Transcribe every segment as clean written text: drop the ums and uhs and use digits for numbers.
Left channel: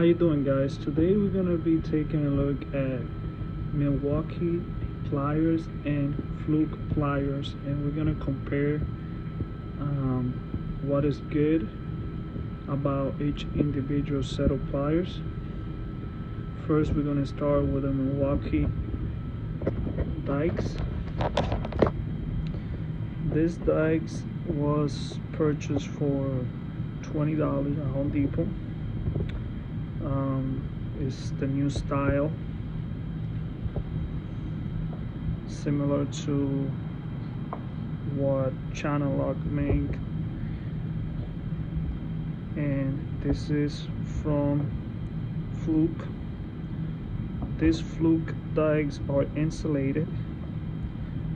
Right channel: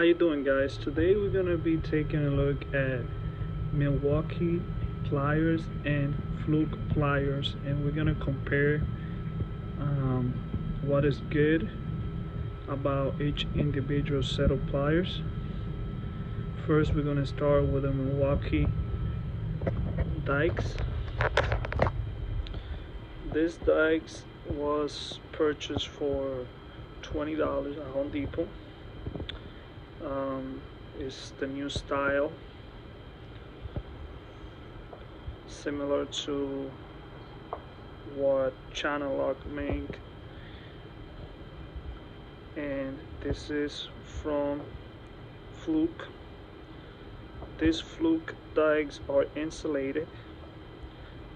How you doing, guys? Today we're gonna be taking a look at Milwaukee pliers and Fluke pliers, and we're gonna compare what is good about each individual set of pliers. First, we're gonna start with the Milwaukee dikes. This dikes was purchased for $20 at Home Depot. It's the new style, similar to what Channel Lock make, and this is from Fluke. These Fluke dikes are insulated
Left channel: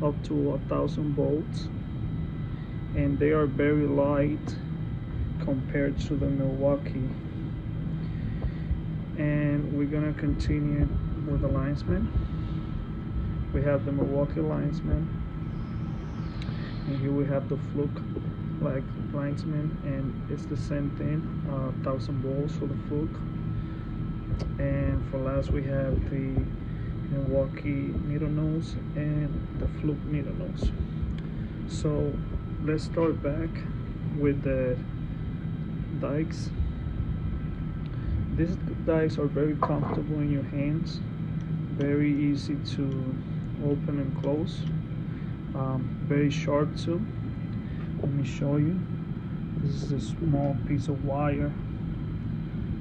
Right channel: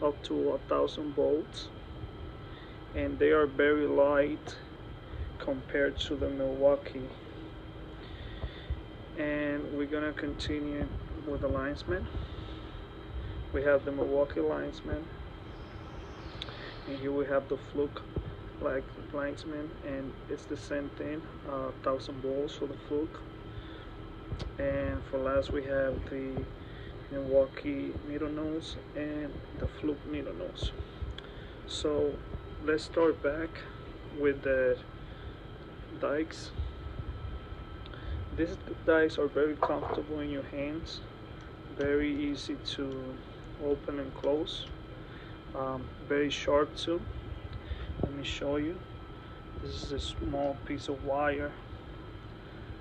up to 1,000 volts, and they are very light compared to the Milwaukee. And we're gonna continue with the linesman. We have the Milwaukee linesman, and here we have the Fluke linesman, and it's the same thing, 1,000 volts for the Fluke. And for last, we have the Milwaukee needle nose and the Fluke needle nose. So let's start back with the dikes. These dikes are very comfortable in your hands, very easy to open and close, very sharp too. Let me show you. This is a small piece of wire,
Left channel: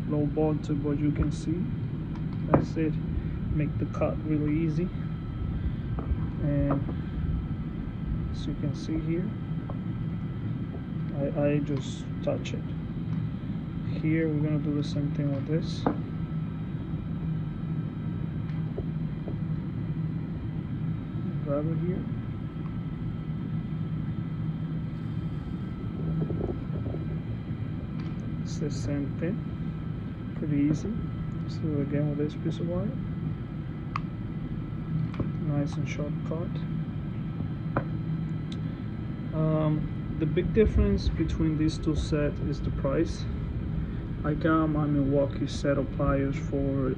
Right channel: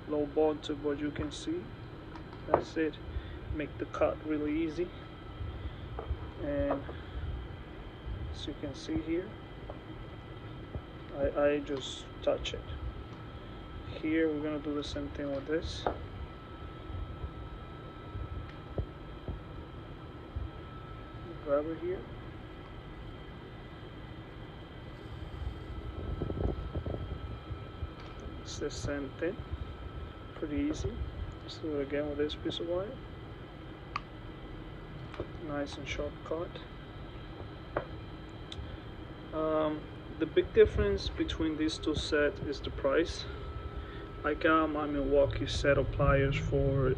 low voltage, but you can see that's it. Make the cut really easy, and as you can see here, I just touch it. Here we're gonna do the same thing with this. Grab it here. It's the same thing. Pretty easy. Let's do it again with this piece of wire. Nice and short cut. The big difference between these two sets is the price. I got my Milwaukee set of pliers for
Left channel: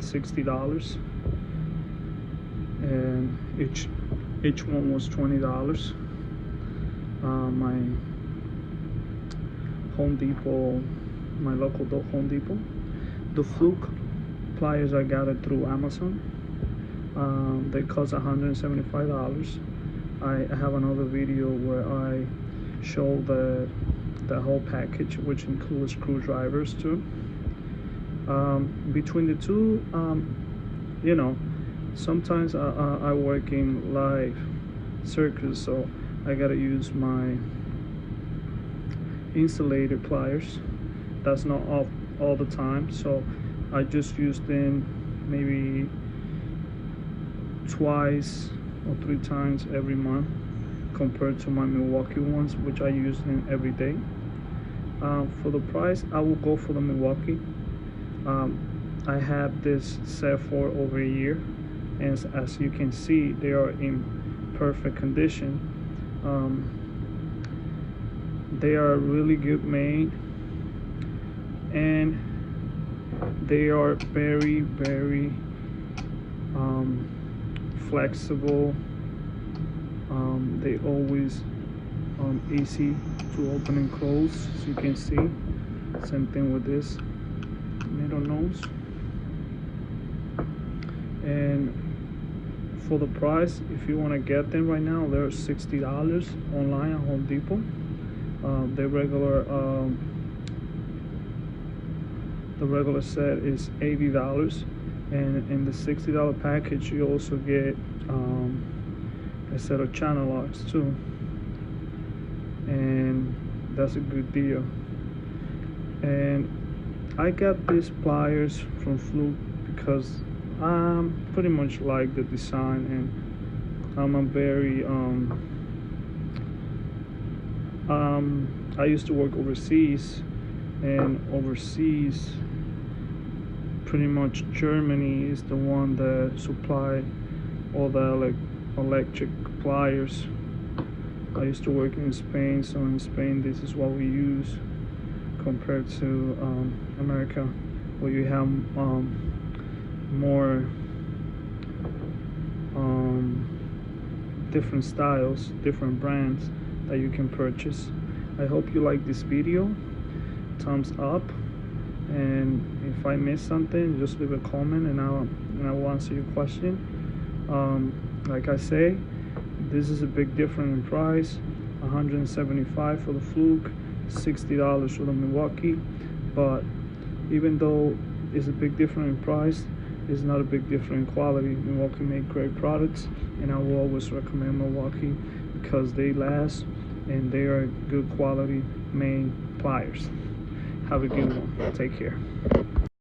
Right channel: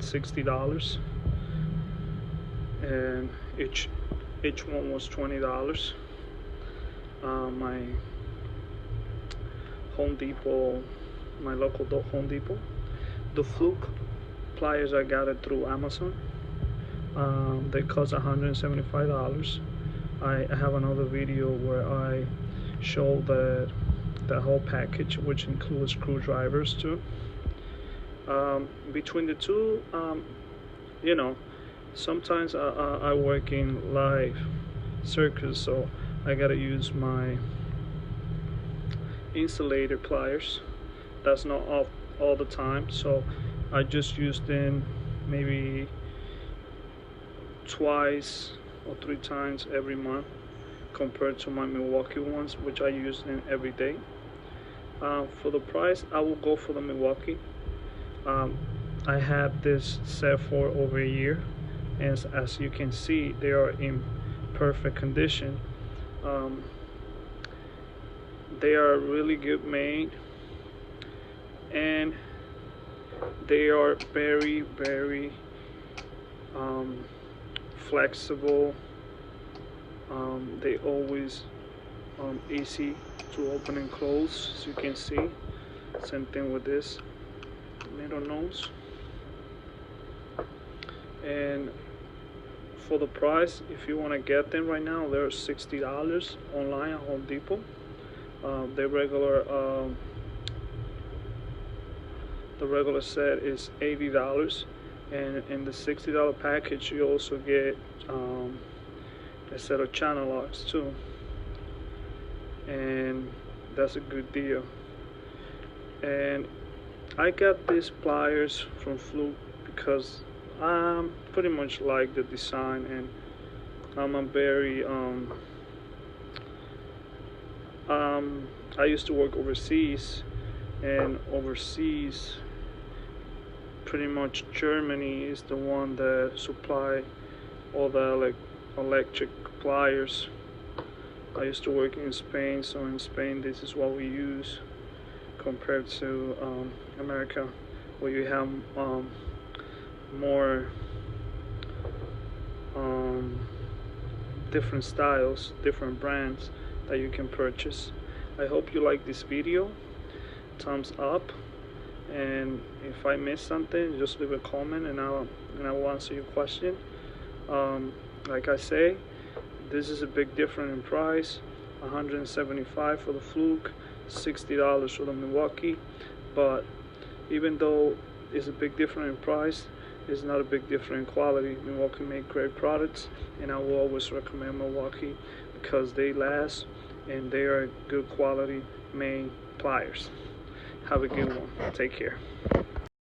$60, and each one was $20. My Home Depot, my local Home Depot. The Fluke pliers, I got it through Amazon. They cost $175. I have another video where I show the whole package, which includes screwdrivers too. Between the two, you know, sometimes I work in live circuits, so I gotta use my insulated pliers. That's not all the time, so I just use them maybe twice or 3 times every month, compared to my Milwaukee ones, which I use them every day. For the price, I will go for the Milwaukee. I have this set for over a year, and as you can see, they are in perfect condition. They are really good made, and they are very flexible. They always easy to open and close, as you can see. Same thing with this needle nose. And for the price, if you want to get them right now, they're $60 online at Home Depot. The regular set is $80, and in the $60 package you also get a set of channel locks too, and that's a good deal. And I got these pliers from Fluke because I pretty much like the design, and I'm a very I used to work overseas, and overseas pretty much Germany is the one that supply all the electric pliers. I used to work in Spain, so in Spain this is what we use compared to America. where you have more different styles, different brands that you can purchase. I hope you like this video. Thumbs up, and if I missed something, just leave a comment and I will answer your question. Like I say, this is a big difference in price. $175 for the Fluke, $60 for the Milwaukee. But even though it's a big difference in price, it's not a big difference in quality. Milwaukee make great products, and I will always recommend Milwaukee because they last and they are good quality main pliers. Have a good one. Take care.